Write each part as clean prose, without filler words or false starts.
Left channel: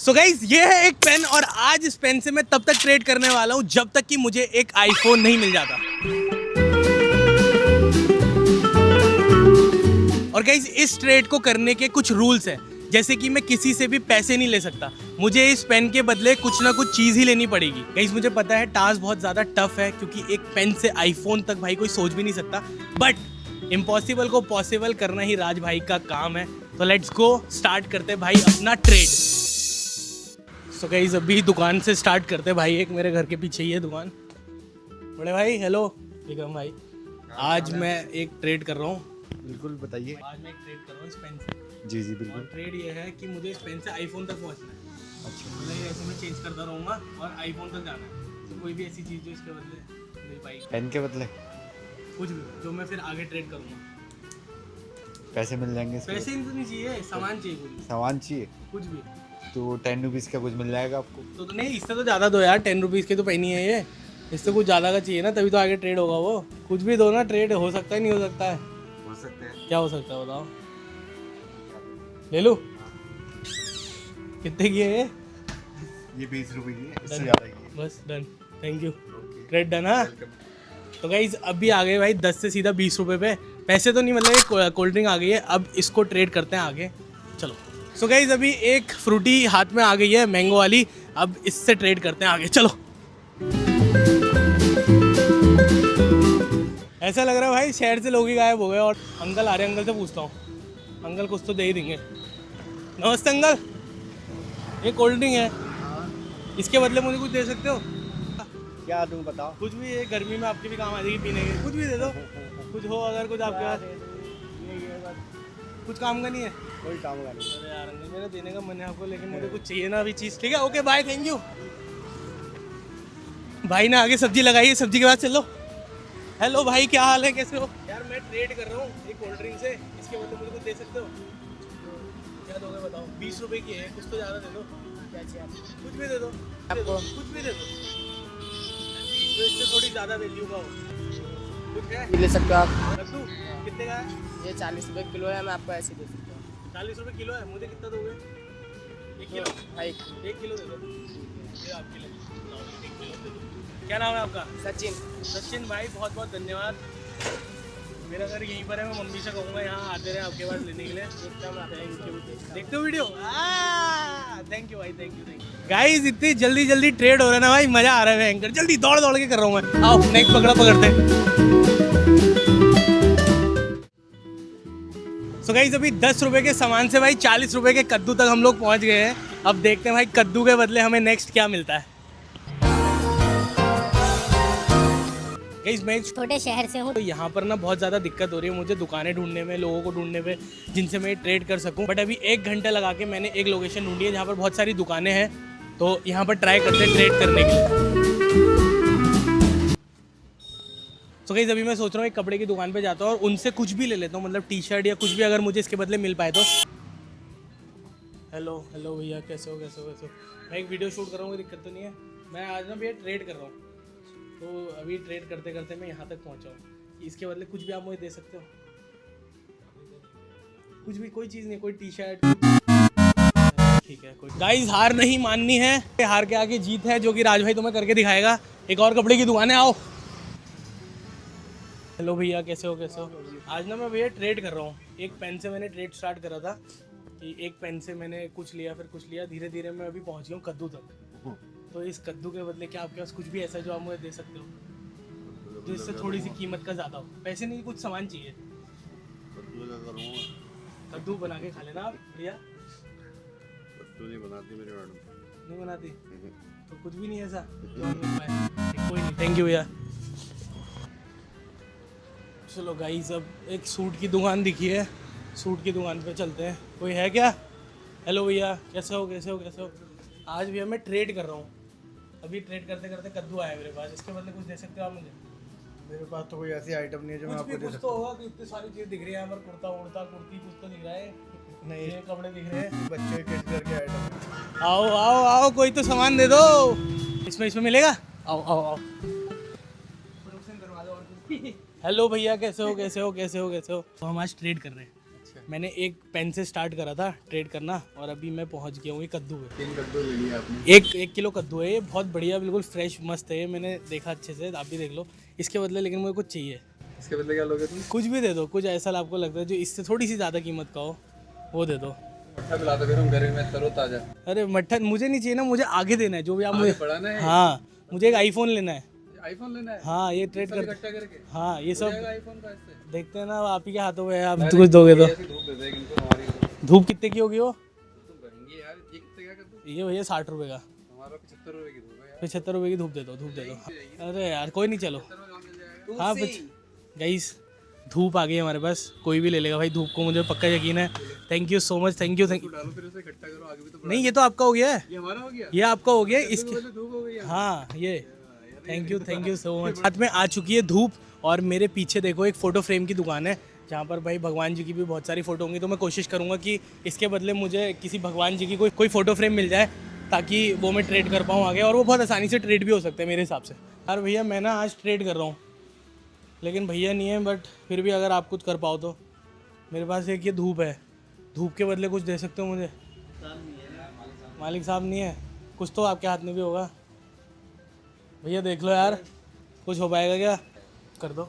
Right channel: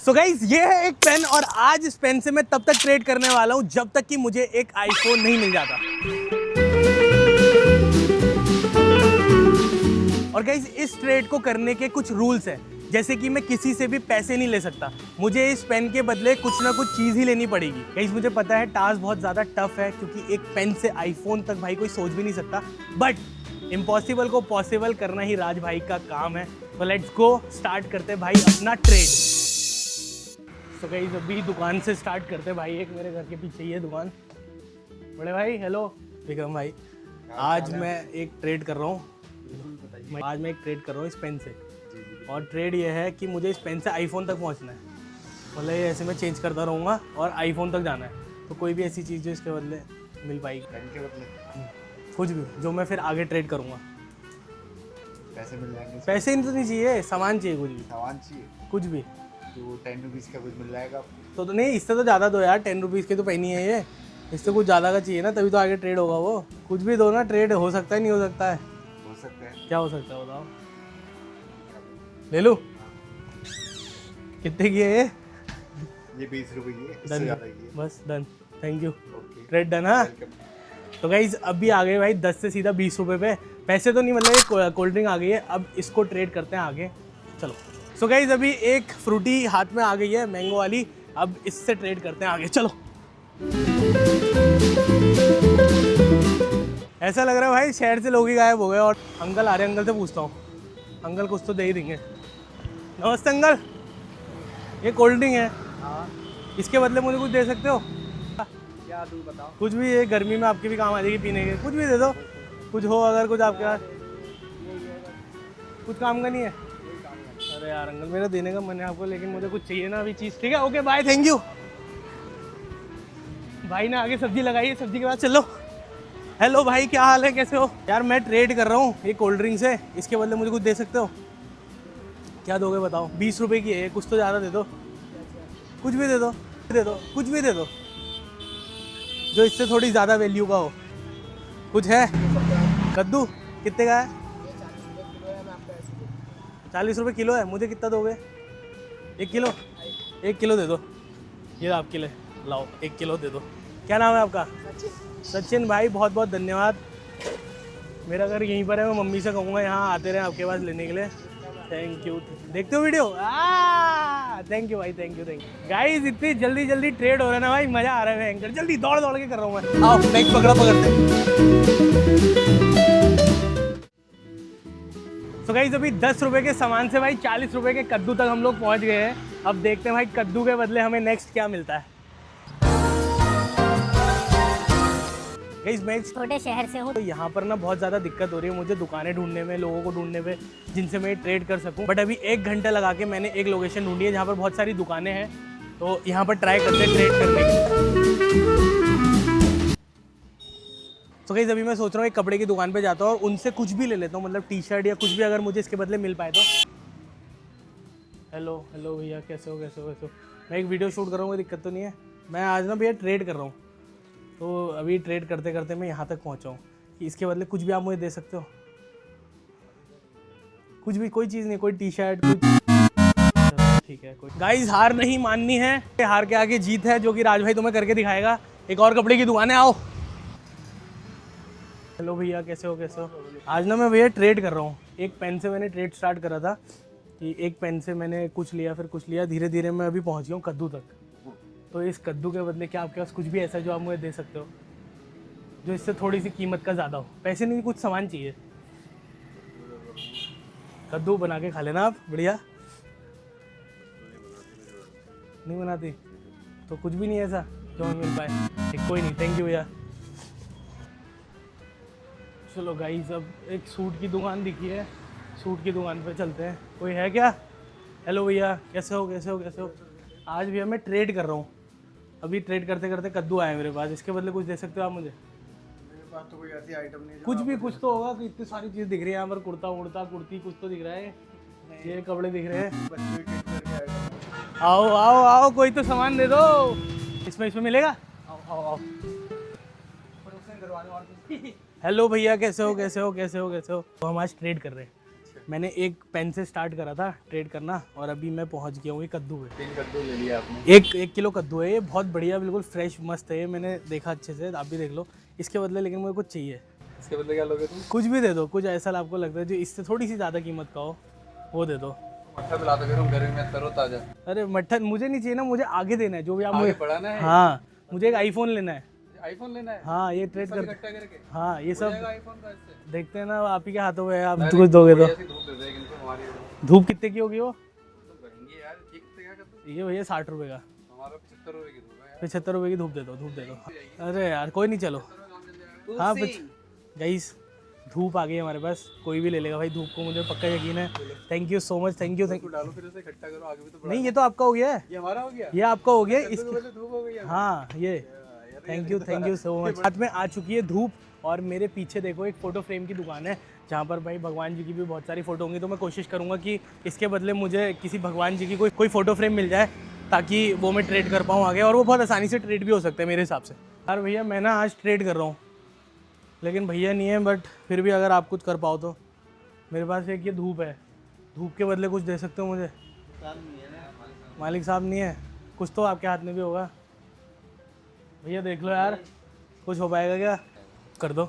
So guys ये है एक पेन और आज इस पेन से मैं तब तक ट्रेड करने वाला हूँ जब तक कि मुझे एक आईफोन नहीं मिल जाता। और गाइज इस ट्रेड को करने के कुछ रूल्स हैं, जैसे कि मैं किसी से भी पैसे नहीं ले सकता, मुझे इस पेन के बदले कुछ ना कुछ चीज़ ही लेनी पड़ेगी। गाइज मुझे पता है टास्क बहुत ज़्यादा टफ है क्योंकि एक पेन से आईफोन तक भाई कोई सोच भी नहीं सकता, बट इम्पॉसिबल को पॉसिबल करना ही राज भाई का काम है। तो लेट्स गो, स्टार्ट करते हैं भाई अपना ट्रेड। सो गाइस अभी दुकान से स्टार्ट करते हैं भाई। एक मेरे घर के पीछे ही है दुकान। बड़े भाई हेलो। विक्रम भाई, आज मैं एक ट्रेड कर रहा हूँ। बिल्कुल बताइए। आज मैं एक ट्रेड कर रहा हूँ इस पेन से। जी जी बिल्कुल। और ट्रेड ये है कि मुझे इस पेन से आईफोन तक पहुँचना है। मतलब ये ऐसे मैं चेंज करता रहूँगा और आईफोन तक जाना है। तो कोई भी ऐसी चीज़ जो इसके बदले मिल पाएगी, पेन के बदले कुछ भी जो मैं फिर आगे ट्रेड करूँगा। पैसे मिल जाएंगे इसमें? पैसे तो नहीं चाहिए, सामान चाहिए, कुछ भी, सामान चाहिए कुछ भी। तो 10 रुपीज़ का कुछ मिल जाएगा आपको। तो नहीं, इससे तो ज़्यादा दो यार, 10 रुपीज़ के तो पेन ही है ये। इससे कुछ ज़्यादा का चाहिए ना, तभी तो आगे ट्रेड होगा। वो कुछ भी दो ना, ट्रेड हो सकता है, नहीं हो सकता है। हो सकते हैं। क्या हो सकता है बताओ, ले लो। कितने की है ये 20 रुपये की है, इससे डन, ज़्यादा की है। बस done, thank you. Okay, trade done. हाँ वेलकम। तो गाइज अभी आ गए भाई 10 से सीधा 20 रुपये पे। पैसे तो नहीं, मतलब एक कोल्ड ड्रिंक आ गई है, अब इसको ट्रेड करते हैं आगे। चलो। सो गाइज अभी एक फ्रूटी हाथ में आ गई है, मैंगो वाली। अब इससे ट्रेड करते हैं आगे, चलो। ऐसा लग रहा है भाई शहर से लोग ही गायब हो गए और अंकल आ रहे हैं। अंकल से पूछता हूँ, अंकल कुछ तो दे ही देंगे। नमस्ते अंकल, ये कोल्ड ड्रिंक है, इसके बदले मुझे कुछ दे सकते हो? क्या तुम बताओ? कुछ भी, ये गर्मी में आपके भी काम आ जाएगी पीने के, कुछ भी दे दो। कुछ हो अगर कुछ आपके पास, कुछ काम का नहीं है? कोई काम का नहीं। अरे यार अंकल, मेरा देने का मन है आपको, लेकिन मुझे कुछ चाहिए ना अभी चीज़। ठीक है, ओके बाय, थैंक यू। भाई ने आगे सब्जी लगाई है, सब्जी के बाद चलो। हेलो भाई, क्या हाल है, कैसे हो? यार मैं ट्रेड कर रहा हूँ ये कोल्ड ड्रिंक से, इसके बदले मुझे कुछ दे सकते हो? क्या दोगे बताओ? 20 रुपये की है, कुछ तो ज़्यादा दे दो। कुछ भी दे दो, दे दो, कुछ भी दे दो जो इससे थोड़ी ज़्यादा वैल्यू का हो। कुछ है? ले सकते हो आप। कद्दू कितने का है? ये 40 रुपये किलो है, मैं आपको ऐसे ही दे सकता हूँ। 40 रुपये किलो है। मुझे कितना दोगे? 1 किलो? भाई 1 किलो दे दो, ये आपके लिए। लाओ 1 किलो दे दो। क्या नाम है आपका? सचिन। सचिन भाई, बहुत बहुत धन्यवाद। मेरा घर यहीं पर है, मैं मम्मी से कहूँगा यहाँ आते रहे आपके पास लेने के लिए। Thank you. देखते हो वीडियो? थैंक यू भाई, thank you, thank you. Guys इतनी जल्दी जल्दी ट्रेड हो रहा है ना भाई, मज़ा आ रहा है भयंकर। जल्दी दौड़ दौड़ के कर रहा हूँ मैं। आओ नेक्स्ट पकड़ा पकड़ते। सो गाइस अभी 10 रुपये के सामान से भाई 40 रुपये के कद्दू तक हम लोग पहुँच गए हैं। अब देखते हैं भाई कद्दू के बदले हमें नेक्स्ट क्या मिलता है। गाइस मैं छोटे शहर से हो तो यहाँ पर ना बहुत ज़्यादा दिक्कत हो रही है मुझे दुकानें ढूंढने में, लोगों को ढूंढने में जिनसे मैं ट्रेड कर सकूँ। बट अभी 1 घंटा लगा के मैंने एक लोकेशन ढूंढी है जहाँ पर बहुत सारी दुकानें हैं, तो यहाँ पर ट्राई करते हैं ट्रेड करने की। तो गाइस अभी मैं सोच रहा हूँ एक कपड़े की दुकान पे जाता हूँ और उनसे कुछ भी ले लेता हूँ, मतलब टी शर्ट या कुछ भी, अगर मुझे इसके बदले मिल पाए तो। हेलो हेलो भैया, कैसे हो, कैसे हो, कैसे हो? मैं एक वीडियो शूट कर रहा हूँ, कोई दिक्कत तो नहीं है? मैं आज ना भैया ट्रेड कर रहा हूँ, तो अभी ट्रेड करते करते मैं यहाँ तक पहुँचा हूँ। इसके बदले कुछ भी आप मुझे दे सकते हो? कुछ भी, कोई चीज़ नहीं, कोई टी शर्ट, ठीक है कोई। गाइस हार नहीं माननी है, हार के आगे जीत है, जो कि राज भाई तुम्हें करके दिखाएगा। एक और कपड़े की दुकान है, आओ। हेलो भैया, कैसे हो, कैसे हो? आज ना मैं भैया ट्रेड कर रहा हूँ। एक पेन से मैंने ट्रेड स्टार्ट करा था कि एक पेन से मैंने कुछ लिया, फिर कुछ लिया, धीरे धीरे मैं अभी पहुँच गया हूँ कद्दू तक। तो इस कद्दू के बदले क्या आपके पास कुछ भी ऐसा जो आप मुझे दे सकते हो, जो इससे थोड़ी सी कीमत का ज़्यादा हो? पैसे नहीं, कुछ सामान चाहिए। कद्दू बना के खा लेना आप, बढ़िया। नहीं बनाती तो कुछ भी नहीं है ऐसा जो हमें मिल पाए? कोई नहीं, थैंक यू भैया। चलो गाइस अब एक सूट की दुकान दिखी है, सूट की दुकान पे चलते हैं। कोई है क्या? हेलो भैया, कैसे हो, कैसे हो, कैसे हो? आज भैया मैं ट्रेड कर रहा हूँ, अभी ट्रेड करते करते कद्दू आया मेरे पास, इसके बदले कुछ दे सकते हो आप मुझे? मेरे पास तो कोई ऐसी आइटम नहीं है जो कुछ मैं भी, आपको कुछ दे तो होगा कि इतनी सारी चीज़ दिख रही है यहाँ पर। कुर्ता उड़ता, कुर्ती, कुछ तो दिख रहा है, नहीं। ये कपड़े दिख रहे हैं। बच्चे के किस तरह के आइटम? आओ आओ आओ, कोई तो सामान दे दो। इसमें मिलेगा? आओ आओ आओ। हेलो भैया, कैसे हो, कैसे हो, कैसे हो, कैसे हो? तो हम आज ट्रेड कर रहे हैं, मैंने एक पेन से स्टार्ट करा था ट्रेड करना और अभी मैं पहुंच गया हूँ ये कद्दू है। 3 कद्दू ले लिया आपने। एक किलो कद्दू है, ये बहुत बढ़िया, बिल्कुल फ्रेश मस्त है ये। मैंने देखा अच्छे से, आप भी देख लो। इसके बदले लेकिन मुझे कुछ चाहिए। इसके बदले क्या लोगे तुम? कुछ भी दे दो, कुछ ऐसा आपको लगता है जो इससे थोड़ी सी ज़्यादा कीमत का हो, वो दे दो। मट्ठा पिला दो फिर हम गर्मी में तरो ताजा। अरे मट्ठन मुझे नहीं चाहिए ना, मुझे आगे देना है जो भी आप आगे मुझे। बढ़ाना है। हाँ, मुझे एक आईफोन लेना है। आईफोन लेना है? हाँ, ये ट्रेड कर, इकट्ठा करके हाँ ये सब आईफोन का इससे। देखते हैं ना, आप ही के हाथों में है, आप कुछ दोगे तो। ऐसी धूप दे देगा इनको हमारी। धूप कितने की होगी वो? तो करेंगे यार, ये कितने क्या कद्दू? ये भैया 60 रुपये का। हमारा 75 रुपए की धूप है यार। 75 रुपये की धूप दे दो, धूप दे दो। अरे यार कोई नहीं, चलो। हाँ गाइस, धूप आ गई हमारे पास, कोई भी ले लेगा भाई धूप को, मुझे पक्का यकीन है। Thank you so much, thank you. डालो फिर उसे इकट्ठा करो, आगे भी तो नहीं, ये तो आपका हो गया है, ये हमारा हो गया। ये आपका हो गया इसके इसके। बदले धूप हो गई है। हाँ ये, थैंक यू सो मच। हाथ में आ चुकी है धूप और मेरे पीछे देखो एक फ़ोटो फ्रेम की दुकान है जहाँ पर भाई भगवान जी की भी बहुत सारी फ़ोटो होंगी। तो मैं कोशिश करूँगा कि इसके बदले मुझे किसी भगवान जी की कोई फ़ोटो फ्रेम मिल जाए ताकि वो मैं ट्रेड कर पाऊँ आगे, और वो बहुत आसानी से ट्रेड भी हो सकता है मेरे हिसाब से। यार भैया मैं ना आज ट्रेड कर रहा हूँ, लेकिन भैया नहीं है, बट फिर भी अगर आप कुछ कर पाओ तो। मेरे पास एक ये धूप है, धूप के बदले कुछ दे सकते हो मुझे? मालिक साहब नहीं है, कुछ तो आपके हाथ में भी होगा। भैया देख लो यार, कुछ हो पाएगा क्या? कर दो।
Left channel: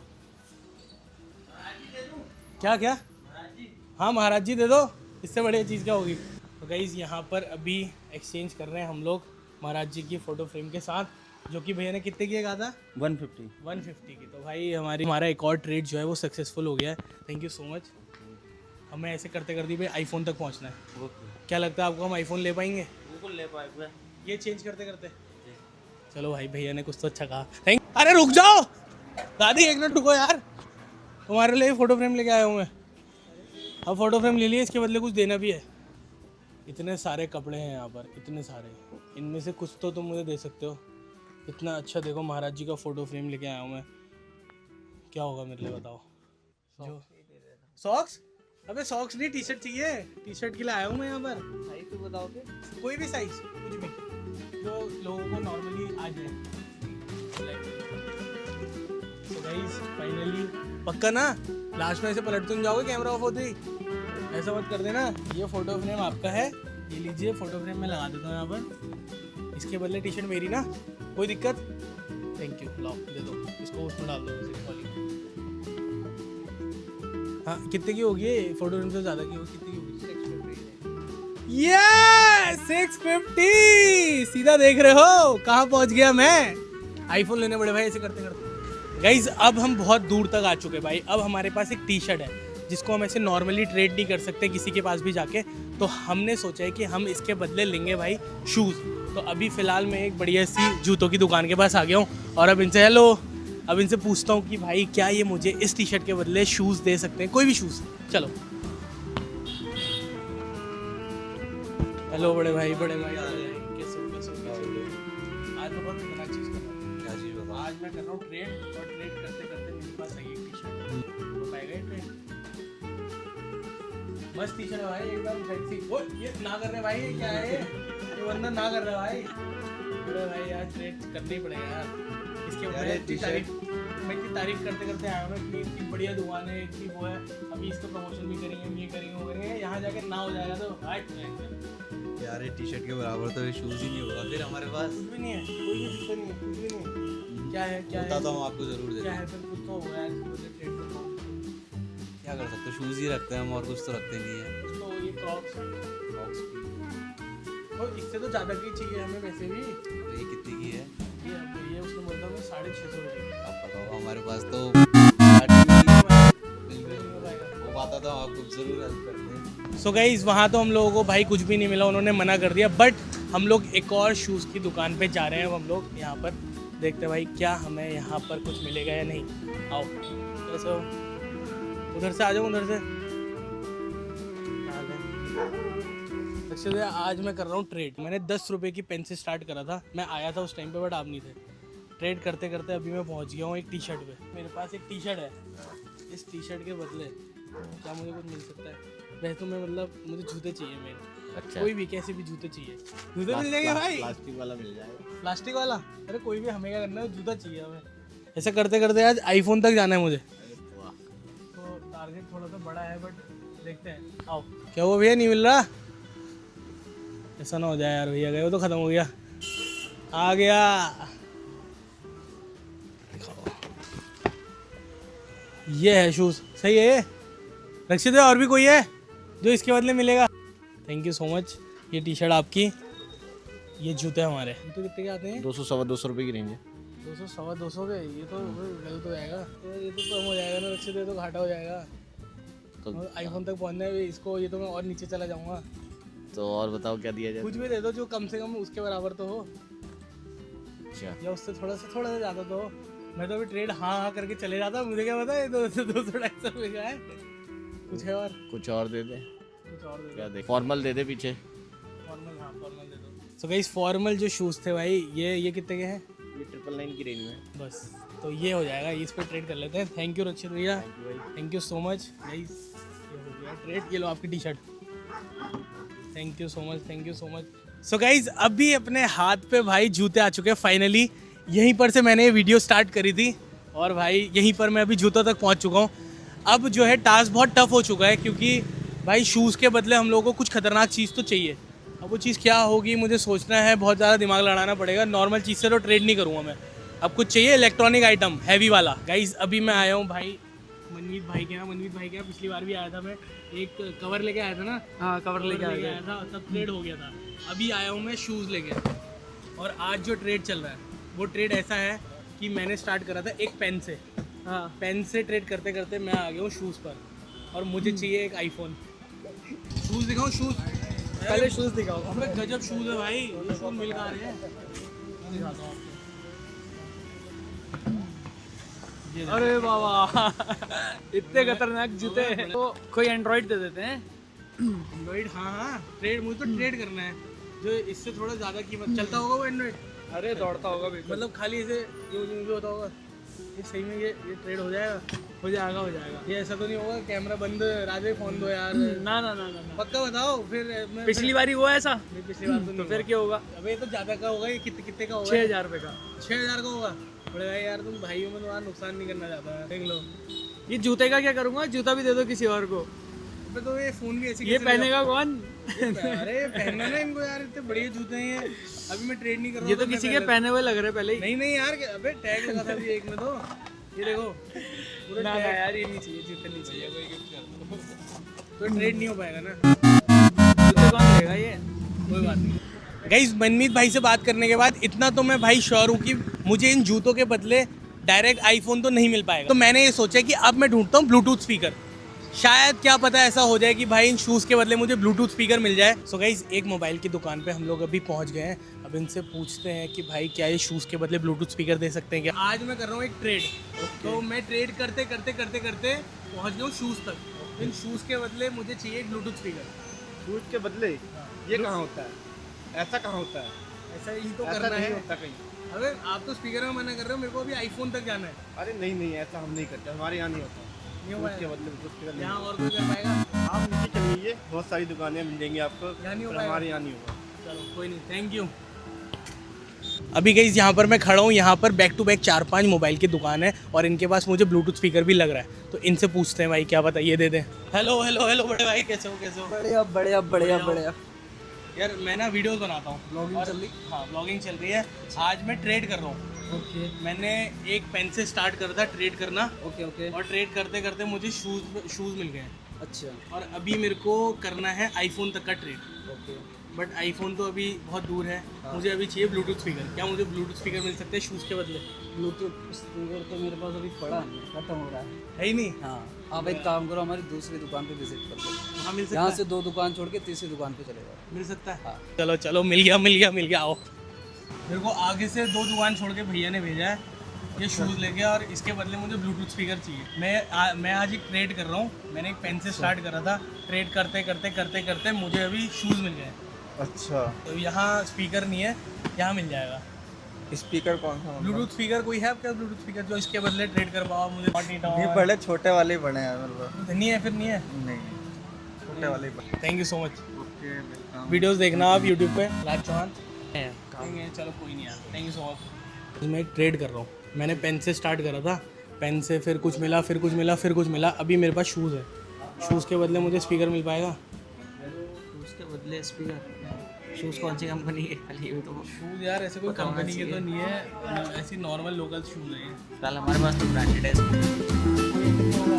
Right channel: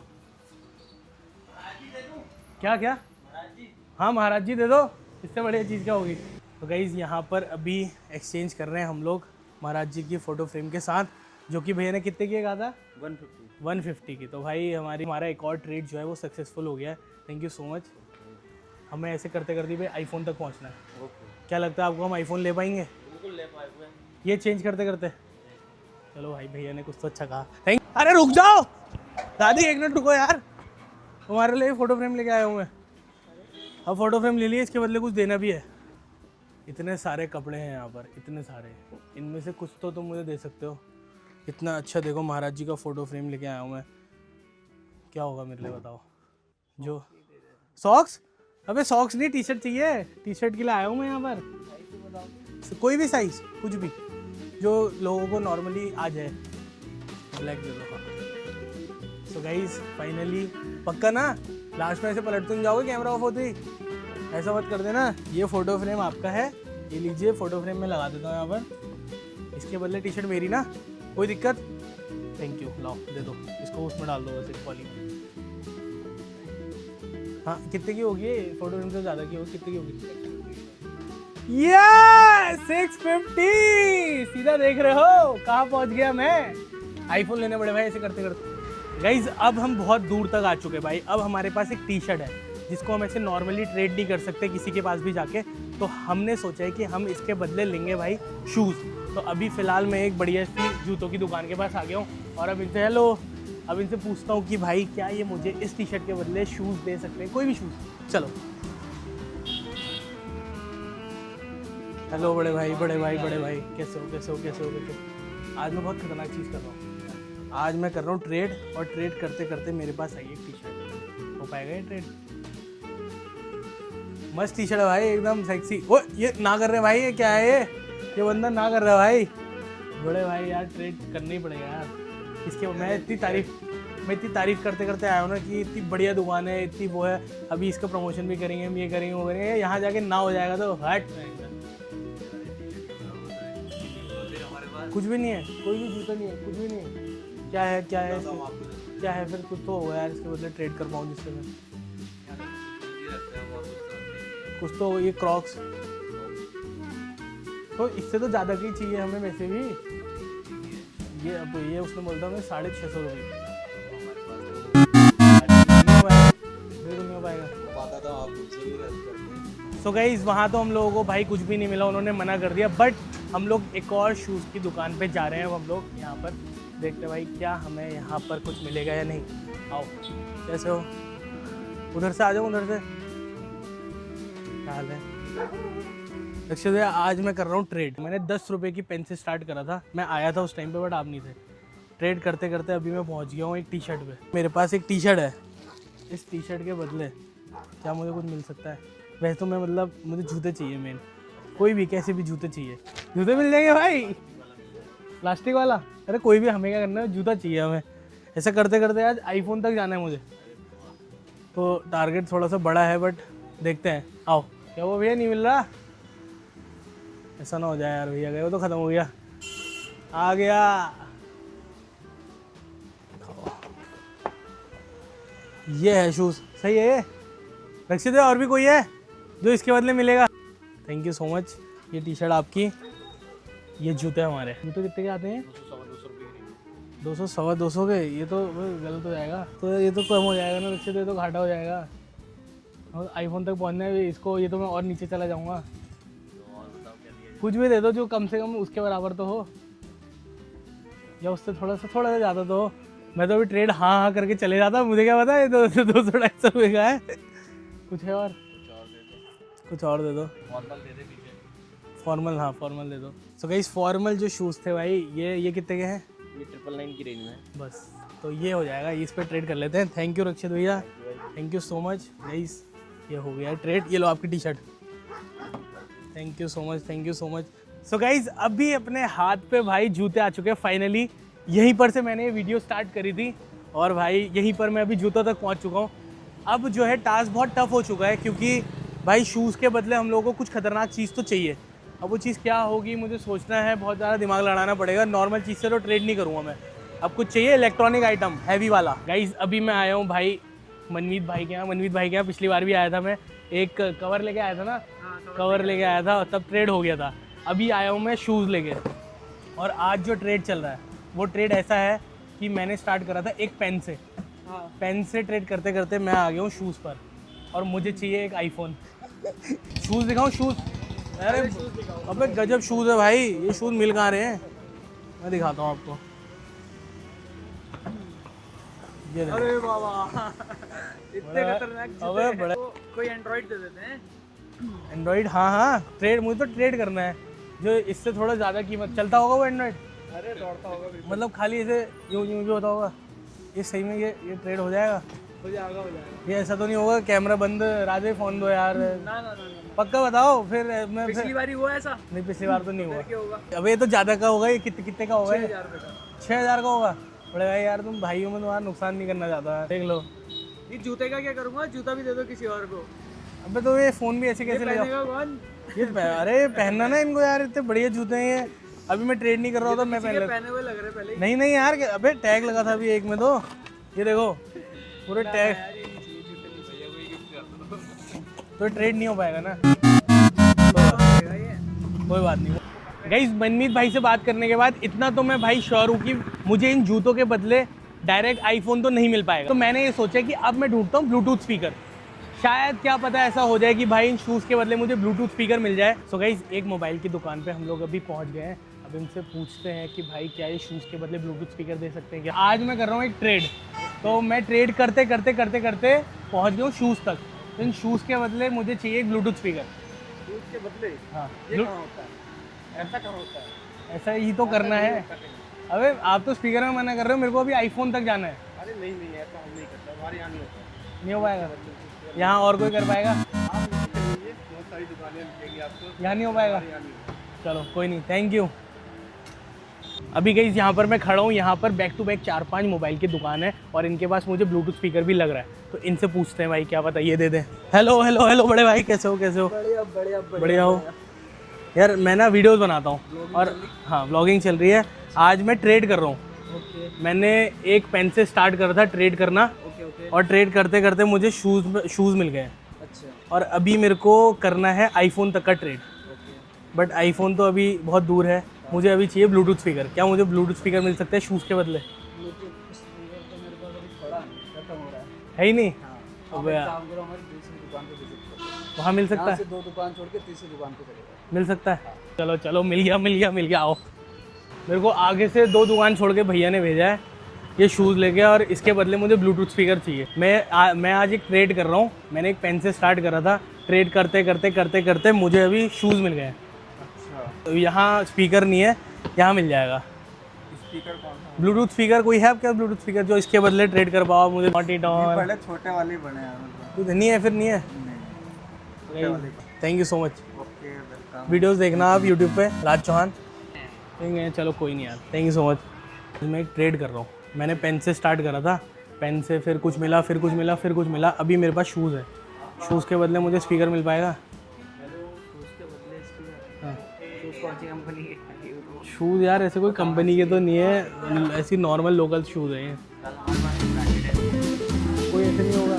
क्या? हाँ महाराज जी दे दो, इससे बढ़िया चीज़ क्या होगी? तो गाइज़ यहाँ पर अभी एक्सचेंज कर रहे हैं हम लोग महाराज जी की फ़ोटो फ्रेम के साथ, जो कि भैया ने कितने की कहा था? 150 की। तो भाई हमारा एक और ट्रेड जो है वो सक्सेसफुल हो गया है। Thank you so much. हमें ऐसे करते करते भाई आईफोन तक पहुंचना है। क्या लगता है आपको, हम आईफोन ले पाएंगे? बिल्कुल ले पाएंगे। ये चेंज करते करते चलो भाई, भैया ने कुछ तो अच्छा कहा। थैंक। अरे रुक जाओ दादी, एक मिनट रुको यार, तुम्हारे लिए फ़ोटो फ्रेम लेके आया हूँ मैं। अब फ़ोटो फ्रेम ले लिए, इसके बदले कुछ देना भी है। इतने सारे कपड़े हैं यहाँ पर, इतने सारे, इनमें से कुछ तो तुम मुझे दे सकते हो। इतना अच्छा देखो, महाराज जी का फ़ोटो फ्रेम लेके आया हूँ मैं। क्या होगा मेरे लिए बताओ? जो सॉक्स? अबे सॉक्स नहीं, टी शर्ट चाहिए। टी शर्ट के लिए आया हूँ मैं यहाँ पर। कोई भी साइज, कुछ भी जो लोगों को नॉर्मली आ जाए। सो गाइस फाइनली, पक्का ना लास्ट में ऐसे पलट तो नहीं जाओगे कैमरा ऑफ होते ही? ऐसा मत कर देना। ये फ़ोटो फ्रेम आपका है, ये लीजिए फ़ोटो फ्रेम मैं लगा देता हूँ यहाँ पर। इसके बदले टी शर्ट मेरी ना, कोई दिक्कत? थैंक यू, लाओ दे दो इसको, उसमें डाल दो वैसे वाली। हाँ कितने की होगी ये फ़ोटो फ्रेम से ज़्यादा की होगी? कितने की होगी? ये 650। सीधा देख रहे हो कहाँ पहुँच गया मैं? आईफोन लेने पड़े भाई ऐसे करते करते। गाइज अब हम बहुत दूर तक आ चुके भाई। अब हमारे पास एक टी शर्ट है जिसको हम ऐसे नॉर्मली ट्रेड नहीं कर सकते किसी के पास भी जाके, तो हमने सोचा है कि हम इसके बदले लेंगे भाई शूज़। तो अभी फ़िलहाल मैं एक बढ़िया सी जूतों की दुकान के पास आ गया हूँ और अब इनसे अब इनसे पूछता हूँ कि भाई क्या ये मुझे इस टी शर्ट के बदले शूज़ दे सकते हैं, कोई भी शूज़। चलो हेलो बड़े भाई कैसे हो? आज मैं बहुत खतरनाक चीज़ कर रहा हूँ। आज मैं कर रहा हूँ ट्रेड, और ट्रेड करते करते मेरे पास आई एक टी शर्ट। हो पाएगा ये ट्रेड? मस्त टी शर्ट है भाई, एकदम सेक्सी। ओ ये ना कर रहे भाई, ये क्या है ये बंदा ना कर रहा है भाई। बड़े भाई यार ट्रेड करनी पड़ेगा यार इसके। मैं इतनी तारीफ करते करते आया हूँ ना कि इतनी बढ़िया दुकान है, इतनी वो है। अभी इसका प्रमोशन भी करेंगे, हम ये करेंगे वो करेंगे। यहाँ जाके ना हो जाएगा तो हट यार ये टी-शर्ट के बराबर तो ये शूज ही नहीं होगा फिर हमारे पास। कुछ भी नहीं है, कोई भी जूता नहीं है, कुछ भी नहीं है। क्या है बताता हूँ आपको जरूर। क्या है फिर? कुछ तो होगा यार इसके बदले ट्रेड कर पाऊँ जिससे मैं। क्या कर सकते, शूज ही रखते हैं हम और कुछ तो रखते नहीं है। कुछ तो ये क्रॉक्स, तो इससे तो ज़्यादा की चाहिए हमें वैसे भी। ये कितनी की है? ये अब ये उसने बोलता हमें 650 रुपये। हमारे पास तो बताता हूँ आपको जरूर। सो गाइस वहाँ तो हम लोगों को भाई कुछ भी नहीं मिला, उन्होंने मना कर दिया। बट हम लोग एक और शूज़ की दुकान पे जा रहे हैं। अब हम लोग यहाँ पर देखते हैं भाई क्या हमें यहाँ पर कुछ मिलेगा या नहीं। आओ, कैसे हो? उधर से आ जाओ, उधर से। क्या हाल है? एक्चुअली आज मैं कर रहा हूँ ट्रेड। मैंने 10 रुपये की पेन से स्टार्ट करा था, मैं आया था उस टाइम पे बट आप नहीं थे। ट्रेड करते करते अभी मैं पहुँच गया हूँ एक टी शर्ट पे। मेरे पास एक टी शर्ट है, इस टी शर्ट के बदले क्या मुझे कुछ मिल सकता है? वैसे तो मैं मतलब मुझे जूते चाहिए मेन। अच्छा। कोई भी कैसे भी जूते चाहिए, जूते मिल जाएंगे भाई। प्लास्टिक वाला मिल जाएगा। प्लास्टिक वाला? अरे कोई भी, हमें क्या करना है, जूता चाहिए हमें। ऐसा करते करते आज आईफोन तक जाना है मुझे। तो टारगेट थोड़ा सा बड़ा है बट देखते हैं, आओ। क्या वो भैया नहीं मिल रहा? ऐसा ना हो जाए यार, भैया गए वो तो ख़त्म हो गया। आ गया। ये है शूज़, सही है ये? रक्षित और भी कोई है जो इसके बदले मिलेगा? Thank you so much. ये टी शर्ट आपकी, ये जूते हमारे। जूते कितने के आते हैं? 200 सवा 200 रुपये की रेंज है। 200 सवा 200 के? ये तो गलत हो जाएगा। तो ये तो कम हो जाएगा ना रक्षित, ये तो घाटा हो जाएगा। तो आईफोन तक पहुंचना है इसको, ये तो मैं और नीचे चला जाऊंगा। तो और बताओ क्या दिया जाए? कुछ भी दे दो जो कम से कम उसके बराबर तो हो, अच्छा, या उससे थोड़ा सा ज़्यादा तो हो। मैं तो अभी ट्रेड हाँ करके चले जाता, मुझे क्या पता है 200-250 रुपये का है। कुछ है और? कुछ और दे दे। कुछ और दे दो। फॉर्मल दे दे पीछे। फॉर्मल, हाँ फॉर्मल दे दो। सो गाइस फॉर्मल जो शूज़ थे भाई, ये कितने के हैं? ये 999 की रेंज में। बस तो ये हो जाएगा, इस पर ट्रेड कर लेते हैं। थैंक यू रक्षित भैया, thank you so much guys. ये हो गया ट्रेड। ये लो आपकी T shirt. Thank you so much, thank you so much. So guys अभी अपने हाथ पे भाई जूते आ चुके हैं फाइनली। यहीं पर से मैंने ये वीडियो स्टार्ट करी थी और भाई यहीं पर मैं अभी जूतों तक पहुंच चुका हूँ। अब जो है टास्क बहुत टफ हो चुका है, क्योंकि भाई शूज़ के बदले हम लोगों को कुछ खतरनाक चीज़ तो चाहिए। अब वो चीज़ क्या होगी मुझे सोचना है, बहुत ज़्यादा दिमाग लड़ाना पड़ेगा। नॉर्मल चीज़ से तो ट्रेड नहीं करूँगा मैं। अब कुछ चाहिए इलेक्ट्रॉनिक आइटम हैवी वाला। गाइज अभी मैं आया हूँ भाई मनमीत भाई के यहाँ। पिछली बार भी आया था मैं, एक कवर लेके आया था ना। हाँ कवर लेके आया था, तब ट्रेड हो गया था। अभी आया हूँ मैं शूज़ लेके, और आज जो ट्रेड चल रहा है वो ट्रेड ऐसा है कि मैंने स्टार्ट करा था एक पेन से। हाँ पेन से ट्रेड करते करते मैं आ गया हूँ शूज़ पर, और मुझे चाहिए एक आईफोन। शूज़ दिखाऊँ? अरे शूज़ दिखाओ। अबे गजब शूज़ है भाई, ये शूज़ मिल कहाँ रहे हैं? मैं दिखाता हूँ आपको। ये अरे बाबा इतने खतरनाक जूते हैं। तो कोई एंड्रॉइड दे देते हैं। एंड्रॉइड? हाँ ट्रेड, मुझे तो ट्रेड करना है जो इससे थोड़ा ज़्यादा कीमत चलता होगा वो एंड्रॉइड। अरे दौड़ता होगा भी। मतलब खाली इसे यूँ भी होता होगा। ये सही में ये ट्रेड हो जाएगा? हो जाएगा। ये ऐसा तो नहीं होगा कैमरा बंद, राधे फ़ोन दो यार? ना। पक्का बताओ फिर। मैं पिछली बार ही हुआ ऐसा। नहीं, पिछली बार तो नहीं फिर हुआ। क्या होगा? अब ये तो ज़्यादा का होगा। ये कितने का होगा? 6000 रुपये का। 6000 का होगा? बड़े भाई यार तुम भाइयों में तुम्हारा नुकसान नहीं करना चाहता। देख लो। ये जूते का क्या करूँगा? जूता भी दे दो किसी और को। अबे तो ये फ़ोन भी ऐसे ये कैसे पहनेगा कौन? अरे पहनना ना इनको यार, इतने बढ़िया जूते हैं ये। अभी मैं ट्रेड नहीं कर रहा ये हूँ तो किसी के पहने हुए लग रहे पहले ही। नहीं यार, अबे टैग लगा था अभी एक में, तो ये देखो पूरे ना, टैग। यार ये नहीं चाहिए, जूते नहीं चाहिए, कोई गिफ्ट कर दो। तो ट्रेड नहीं हो पाएगा ना। ये कोई बात नहीं। गाइस मनमीत भाई से बात करने के बाद इतना तो मैं भाई श्योर हूँ कि मुझे इन जूतों के बदले डायरेक्ट आईफोन तो नहीं मिल पाएगा। तो मैंने ये सोचा कि अब मैं ढूंढता हूँ ब्लूटूथ स्पीकर। शायद क्या पता ऐसा हो जाए कि भाई इन शूज़ के बदले मुझे ब्लूटूथ स्पीकर मिल जाए। सो गाइस एक मोबाइल की दुकान पे हम लोग अभी पहुंच गए हैं। अब इनसे पूछते हैं कि भाई क्या ये शूज़ के बदले ब्लूटूथ स्पीकर दे सकते हैं क्या। आज मैं कर रहा हूँ एक ट्रेड, तो मैं ट्रेड करते पहुँच गया हूँ शूज़ तक। तो इन शूज़ के बदले मुझे चाहिए एक ब्लूटूथ स्पीकर। दूध के बदले हाँ ये कहाँ होता है? ऐसा कहाँ होता है? ऐसा ही तो करना है। अबे आप तो स्पीकर में मना कर रहे हो, मेरे को अभी आईफोन तक जाना है। अरे नहीं ऐसा हम नहीं करते, हमारे यहाँ नहीं होता। नहीं हो पाएगा? यहाँ और कोई कर पाएगा? आप नीचे चलिए, बहुत सारी दुकानें मिलेंगी आपको। यहाँ नहीं हो पाएगा? हमारे यहाँ नहीं होता। चलो कोई नहीं, थैंक यू। अभी गाइस यहाँ पर मैं खड़ा हूँ, यहाँ पर बैक टू बैक 4-5 मोबाइल की दुकान है और इनके पास मुझे ब्लूटूथ स्पीकर भी लग रहा है। तो इनसे पूछते हैं भाई क्या पता ये दे दें। हेलो बड़े भाई, कैसे हो? बढ़िया हो यार। मैं ना वीडियोस बनाता हूँ और हाँ ब्लॉगिंग चल रही है। आज मैं ट्रेड कर रहा हूँ। मैंने एक पेन से स्टार्ट करा था ट्रेड करना, और ट्रेड करते करते मुझे शूज़ मिल गए। अच्छा। और अभी मेरे को करना है आईफोन तक का ट्रेड, बट आईफोन तो अभी बहुत दूर है। मुझे अभी चाहिए ब्लूटूथ स्पीकर। क्या मुझे ब्लूटूथ स्पीकर मिल सकता है शूज़ के बदले? ब्लूटूथ स्पीकर तो मेरे पास अभी पड़ा खत्म हो रहा है। है ही नहीं? हाँ आप एक काम करो, हमारी दूसरी दुकान पे विजिट करो। वहाँ मिल सकता यहाँ है? से 2 दुकान छोड़ के तीसरी दुकान पे चले जाओ। मिल सकता है? चलो मिल गया। आओ, मेरे को आगे से 2 दुकान छोड़ के भैया ने भेजा है ये शूज़ लेके, और इसके बदले मुझे ब्लूटूथ स्पीकर चाहिए। मैं आज एक ट्रेड कर रहा हूँ। मैंने एक पेन से स्टार्ट करा था, ट्रेड करते मुझे अभी शूज़ मिल गए। अच्छा, तो यहाँ स्पीकर नहीं है, यहाँ मिल जाएगा। स्पीकर कौन है? ब्लूटूथ स्पीकर कोई है आपका? ब्लूटूथ स्पीकर जो इसके बदले ट्रेड कर पाओ मुझे? बड़े छोटे वाले बड़े हैं मेरे तो नहीं है? फिर नहीं है? नहीं। Thank you so much. Okay, welcome. Videos देखना आप यूट्यूब पे, राज चौहान। चलो कोई नहीं यार, थैंक यू सो मच। मैं एक ट्रेड कर रहा हूँ। मैंने पेन से स्टार्ट करा था, पेन से फिर कुछ मिला। अभी मेरे पास शूज़ है, शूज़ के बदले मुझे स्पीकर मिल पाएगा? उसके बदले स्पीकर शूज़ कौन सी कंपनी के खाली है तो शूज़ यार ऐसे कोई कंपनी के तो नहीं है, ऐसी नॉर्मल लोकल शूज़ हैं। साल हमारे पास ब्रांडेड है। कोई ऐसे नहीं होगा।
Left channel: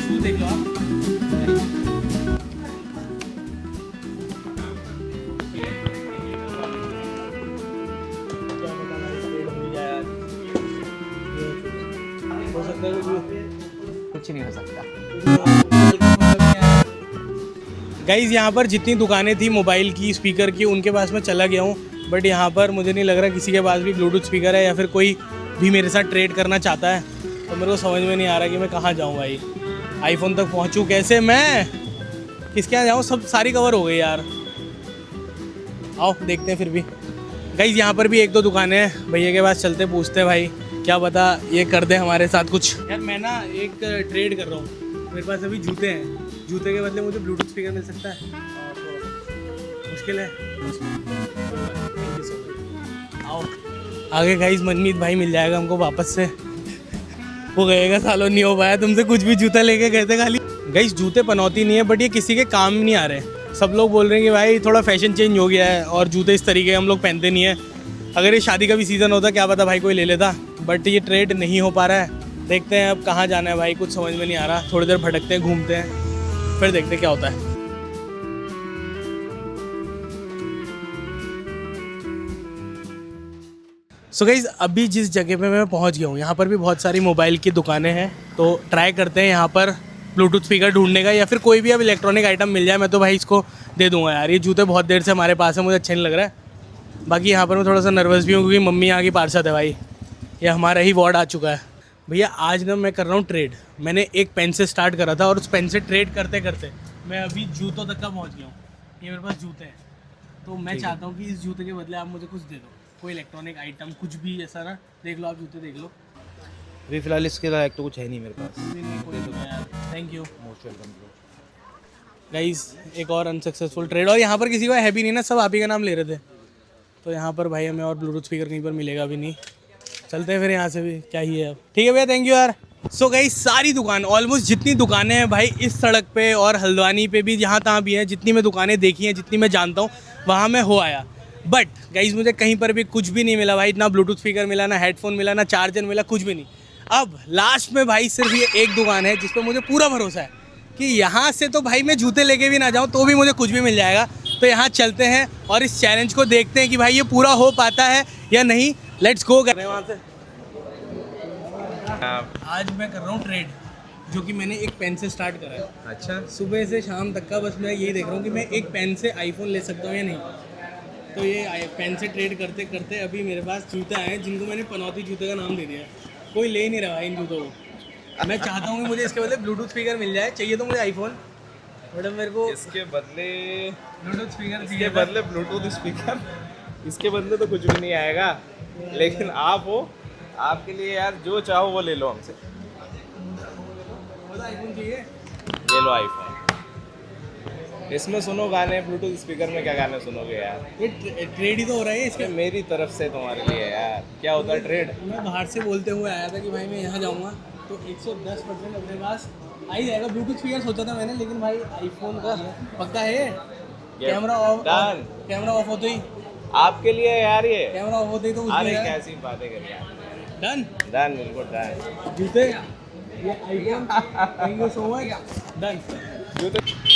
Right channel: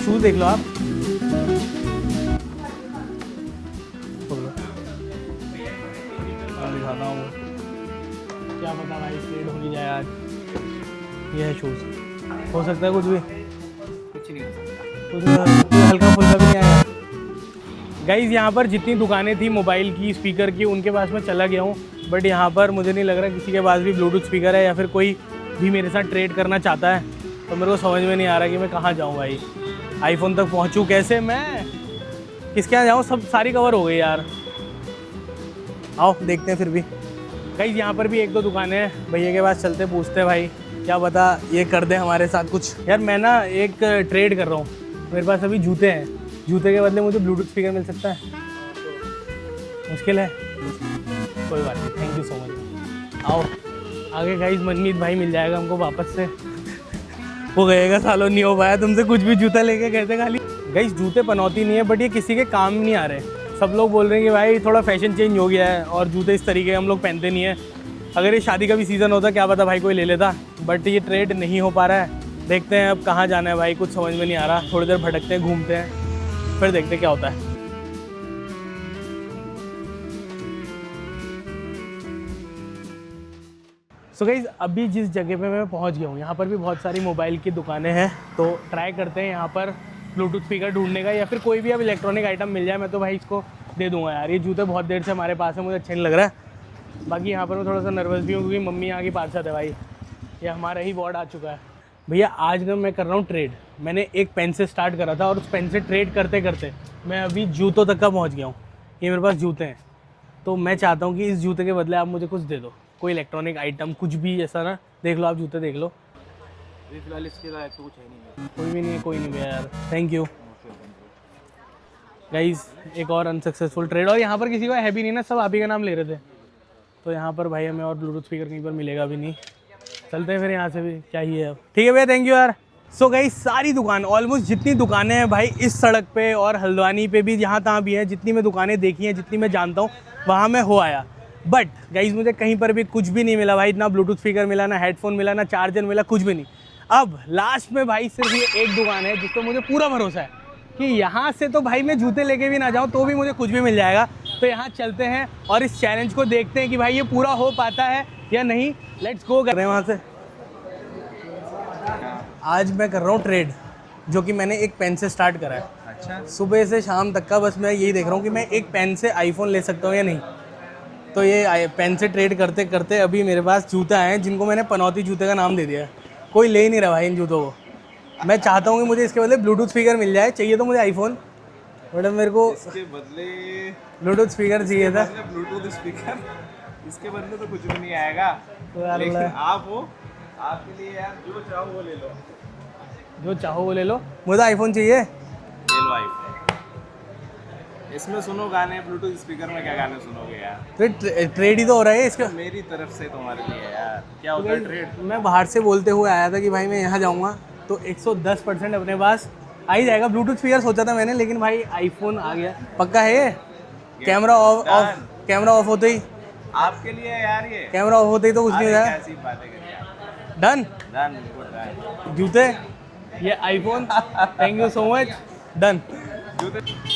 शूज़ देख लो आप। क्या पता भाई स्ट्रेट हो जाए यार। ये है शूज़, हो सकता है कुछ भी, कुछ नहीं हो सकता। हल्का फुल्का भी नहीं आया। गाइज़ यहाँ पर जितनी दुकानें थी मोबाइल की, स्पीकर की, उनके पास मैं चला गया हूँ, बट यहाँ पर मुझे नहीं लग रहा किसी के पास भी ब्लूटूथ स्पीकर है या फिर कोई भी मेरे साथ ट्रेड करना चाहता है। तो मेरे को समझ में नहीं आ रहा कि मैं कहाँ जाऊँ भाई, आईफोन तक पहुँचूँ कैसे, मैं किसके यहाँ जाऊँ, सब सारी कवर हो गई यार। आओ देखते हैं फिर भी। गाइज़ यहाँ पर भी एक दो दुकानें हैं, भैया के पास चलते पूछते हैं भाई, क्या पता ये कर दे हमारे साथ कुछ। यार मैं ना एक ट्रेड कर रहा हूँ, मेरे पास अभी जूते हैं, जूते के बदले मुझे ब्लूटूथ स्पीकर मिल सकता है? मुश्किल है, कोई बात नहीं, थैंक यू सो मच। आओ आगे गाइस, मनमीत भाई मिल जाएगा हमको वापस से, वो गएगा, सालों नहीं हो पाया तुमसे कुछ भी, जूता लेके गए थे खाली। गाइस जूते पनौती नहीं है, बट ये किसी के काम नहीं आ रहे। सब लोग बोल रहे हैं कि भाई थोड़ा फैशन चेंज हो गया है और जूते इस तरीके हम लोग पहनते नहीं है। अगर ये शादी का भी सीज़न होता क्या पता भाई कोई ले लेता, बट ये ट्रेड नहीं हो पा रहा है। देखते हैं अब कहाँ जाना है भाई, कुछ समझ में नहीं आ रहा। थोड़ी देर भटकते हैं, घूमते हैं, फिर देखते हैं क्या होता है। सो गाइज़ अभी जिस जगह पे मैं पहुंच गया हूँ, यहाँ पर भी बहुत सारी मोबाइल की दुकानें हैं, तो ट्राई करते हैं यहाँ पर ब्लूटूथ स्पीकर ढूंढने का, या फिर कोई भी अब इलेक्ट्रॉनिक आइटम मिल जाए मैं तो भाई इसको दे दूँगा यार। ये जूते बहुत देर से हमारे पास है, मुझे अच्छा नहीं लग रहा है। बाकी यहाँ पर मैं थोड़ा सा नर्वस भी हूँ क्योंकि मम्मी यहाँ की पार्षद है भाई, ये हमारा ही वार्ड आ चुका है। भैया आज ना मैं कर रहा हूँ ट्रेड, मैंने एक पेन से स्टार्ट करा था और उस पेन से ट्रेड करते करते मैं अभी जूतों तक का पहुँच गया हूँ। ये मेरे पास जूते हैं, तो मैं चाहता हूँ कि इस जूते के बदले आप मुझे कुछ दे दो, कोई इलेक्ट्रॉनिक आइटम, कुछ भी ऐसा ना। देख लो आप जूते देख लो। अभी फिलहाल इसके लायक तो कुछ है नहीं मेरे पास। कोई भी नहीं, कोई नहीं यार, थैंक यू गाइस। एक और अनसक्सेसफुल ट्रेड, और यहाँ पर किसी का है भी नहीं ना, सब आप ही का नाम ले रहे थे। तो यहाँ पर भाई हमें और ब्लूटूथ स्पीकर कहीं पर मिलेगा भी नहीं, चलते हैं फिर यहाँ से भी, क्या ही है अब। ठीक है भैया, थैंक यू यार। सो गाइस सारी दुकान, ऑलमोस्ट जितनी दुकानें हैं भाई इस सड़क पे और हल्द्वानी पे भी, जहाँ तहाँ भी हैं, जितनी मैं दुकानें देखी हैं, जितनी मैं जानता हूँ, वहाँ मैं हो आया। बट गाइस मुझे कहीं पर भी कुछ भी नहीं मिला भाई, ना ब्लूटूथ स्पीकर मिला, ना हेडफोन मिला, ना चार्जर मिला, कुछ भी नहीं। अब लास्ट में भाई सिर्फ ये एक दुकान है जिस पर मुझे पूरा भरोसा है कि यहाँ से तो भाई मैं जूते लेके भी ना जाऊँ तो भी मुझे कुछ भी मिल जाएगा। तो यहाँ चलते हैं और इस चैलेंज को देखते हैं कि भाई ये पूरा हो पाता है या नहीं। लेट्स गो कर रहे हैं वहाँ से। आज मैं कर रहा हूँ ट्रेड, जो कि मैंने एक पेन से स्टार्ट करा है। अच्छा, सुबह से शाम तक का बस मैं यही देख रहा हूँ कि मैं एक पेन से आईफोन ले सकता हूँ या नहीं। तो ये पेन से ट्रेड करते करते अभी मेरे पास जूते आए हैं जिनको मैंने पनौती जूते का नाम दे दिया है। कोई ले ही नहीं रहा भाई इन जूतों को। मैं चाहता हूँ कि मुझे इसके बदले ब्लूटूथ स्पीकर मिल जाए, चाहिए तो मुझे आईफोन, मैडम मेरे को इसके बदले ब्लूटूथ स्पीकर चाहिए था। ब्लूटूथ स्पीकर, इसके बदले तो कुछ भी नहीं आएगा। लेकिन आप हो, आपके लिए यार जो चाहो वो ले लो हमसे, जो चाहो वो ले लो, मुझे आईफोन चाहिए। ले लो आईफोन। इसमें सुनो गाने, ब्लूटूथ स्पीकर में क्या गाने सुनोगे यार? फिर ट्रेड ही तो हो रहा है इसका। मेरी तरफ से तुम्हारे लिए यार, क्या होता है ट्रेड? मैं बाहर से बोलते हुए आया था कि भाई मैं यहाँ जाऊँगा तो 110% अपने पास आ ही जाएगा। ब्लूटूथ स्पीकर सोचा था मैंने, लेकिन भाई आईफोन आ गया। पक्का है ये? कैमरा ऑफ कैमरा ऑफ होते ही, आपके लिए यार ये कैमरा ऑफ होते ही तो कुछ नहीं हो जाएगा। कैसी बातें करिए आप। डन डन, बिल्कुल डन। जूते, ये iPhone, thank you so much, done.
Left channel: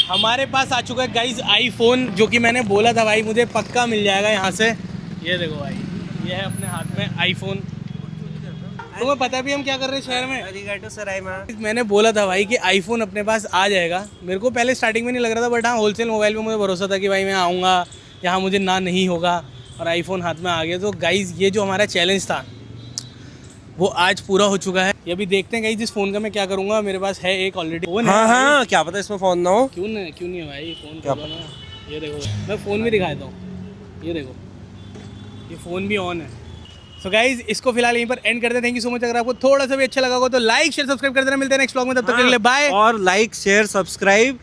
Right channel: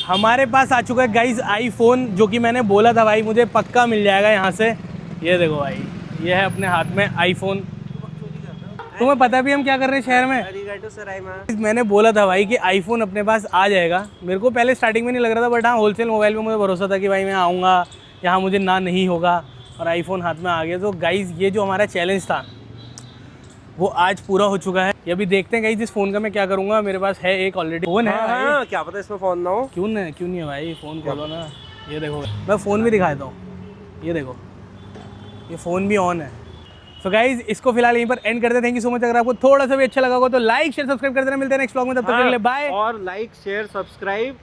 हमारे पास आ चुका है गाइज आईफोन, जो कि मैंने बोला था भाई मुझे पक्का मिल जाएगा यहाँ से। ये देखो भाई, ये है अपने हाथ में आईफोन। तुम्हें पता भी हम क्या कर रहे हैं शहर में? मैंने बोला था भाई कि आईफोन अपने पास आ जाएगा। मेरे को पहले स्टार्टिंग में नहीं लग रहा था, बट हाँ होलसेल मोबाइल में मुझे भरोसा था कि भाई मैं आऊँगा, यहाँ मुझे ना नहीं होगा, और आईफोन हाथ में आ गया। तो गाइज ये जो हमारा चैलेंज था वो आज पूरा हो चुका है। ये अभी देखते हैं गाइस इस फ़ोन का मैं क्या करूँगा। मेरे पास है एक ऑलरेडी फ़ोन है। हाँ, क्या पता इसमें फ़ोन ना हो। क्यों नहीं है भाई, फ़ोन खोलो ना। ये देखो, मैं फ़ोन भी दिखाता हूँ, ये देखो, ये फ़ोन भी ऑन है। सो गाइज इसको फिलहाल यहीं पर एंड करते हैं। Thank you so much. अगर आपको थोड़ा सा भी अच्छा लगा हो तो लाइक शेयर सब्सक्राइब कर देना। मिलते हैं नेक्स्ट व्लॉग में, तब तक के लिए बाय। और लाइक शेयर सब्सक्राइब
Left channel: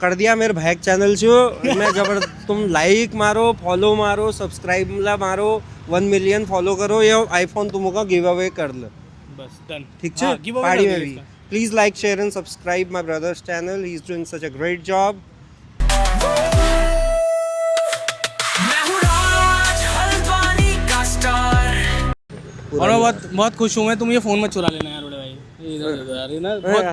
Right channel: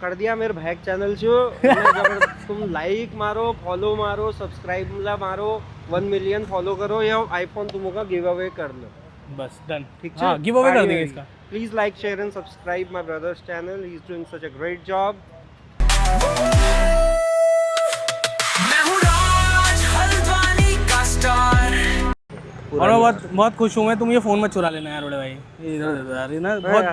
कर दिया मेरे भाई चैनल से। तुम लाइक मारो, फॉलो मारो, सब्सक्राइब मारो, 1 मिलियन फॉलो करो, या आईफोन तुमको गिव अवे कर लो। बस डन ठीक हाँ गिव अवे कर देंगे इसका please like share and subscribe my brothers channel he is doing such a great job मैं हूँ राज हल्द्वानी का स्टार और मैं बहुत बहुत खुश हूँ मैं तुम ये फ़ोन मत चुरा लेना यार बड़े भाई ये इधर दे दो यार ये ना बहुत